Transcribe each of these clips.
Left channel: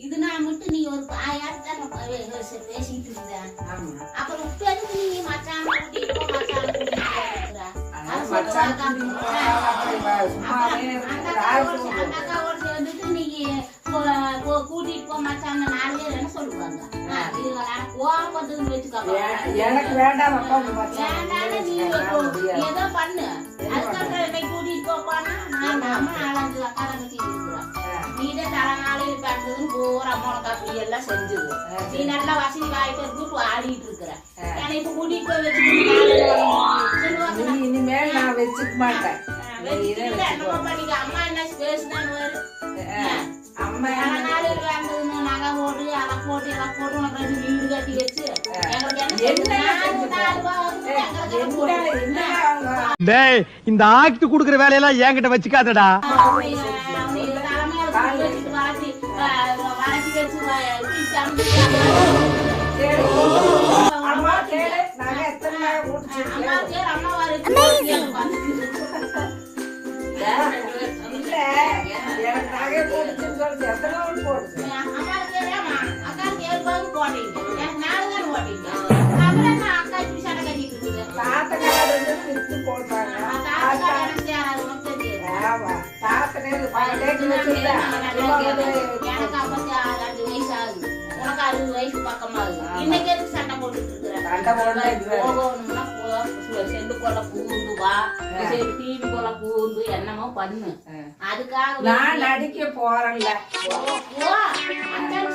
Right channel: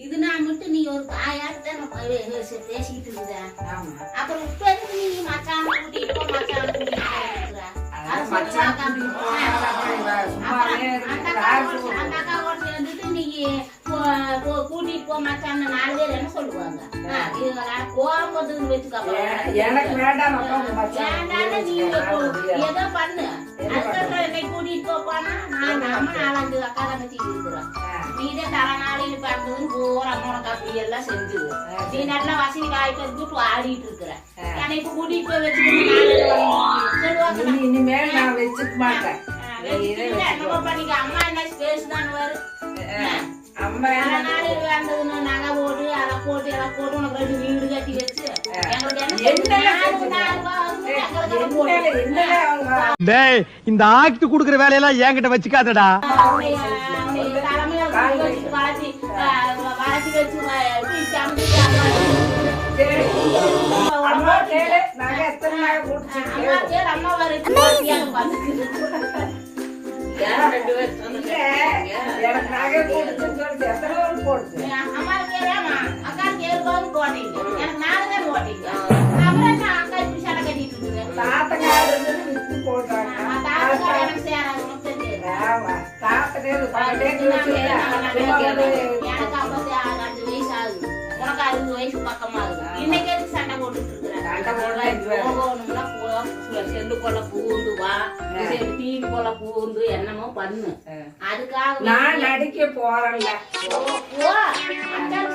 இது நான் மட்டும் நீ ஒரு தான் இருந்த ஆமா. அப்புறம் இப்ப எதுக்கு நீ மச்சான் கூட்டிட்டு போ மச்சான் நாலு பேர் என்ன சொல்லுவாங்க. எனக்கு வேண்டாம். ஏதோ பண்ணு. அதுக்கப்புறம் என்னை கூட்டிட்டு போ போனா நான் நாலஞ்சு அக்கா தங்கச்சி இருக்கிறோம் நீதே தரநாளைக்கு பார்த்ததுன்னு போற அம்மா அப்படி எல்லாம் செஞ்சது நீ நல்லா வசதி காய்ச்சி வச்சுட்டு ஆடிட்டு இருக்கிற என்னை இப்ப கூட்டிட்டு போய் இனி- இனிமேல் நான் வச்சுக்க மாட்டேன் பண்ணிக்க அம்மா என்ன ஸ்பேஸ் தான் வரும் அம்மா நகை போட்டு அதை போட்டு அதை போட்டு உனக்கு ரெண்டு வீடு கட்டி வச்சு இந்த ஆக்ட் குடுக்குற வேலையெல்லாம் என்கிட்ட வச்சுக்காதடா அவனை, வளர்த்தி, வளர்த்தி வச்சு, எனக்கு நகை சொல்லி எத்தனை போடுச்சு அம்மா அக்கா போட்டீங்க எனக்கு நாலு தான் போட்டீங்க அப்புறம் அக்கா இப்படி சடை கட்டிட்டு தாத்தக்காரங்க வித்து போடுறாங்க சேராது ஆமா எனக்கு ஐம்பத்தி ஆறு அஞ்சு வயசு ஆகுது உனக்கு அறுபது வயசு பக்கமா ஆகுது இன்னைக்கு எதுக்கு சண்டை போட்டுட்டு இருக்கிற? போ செல்லுக்குள்ள பூந்து வா. பூந்து என்னமோ பண்ணு. அதுக்காக நான் நடிக்க போறேன்ல. போ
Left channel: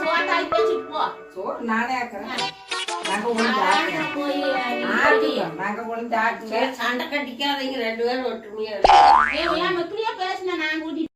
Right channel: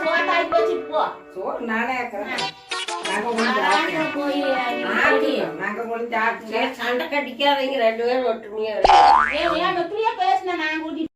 சோத்தாய் வச்சுட்டு போ. சோ நானே சண்டை கட்டிக்காதீங்க ரெண்டு பேரும் ஒற்றுமையா பேசின? நான் கூட்டிட்டு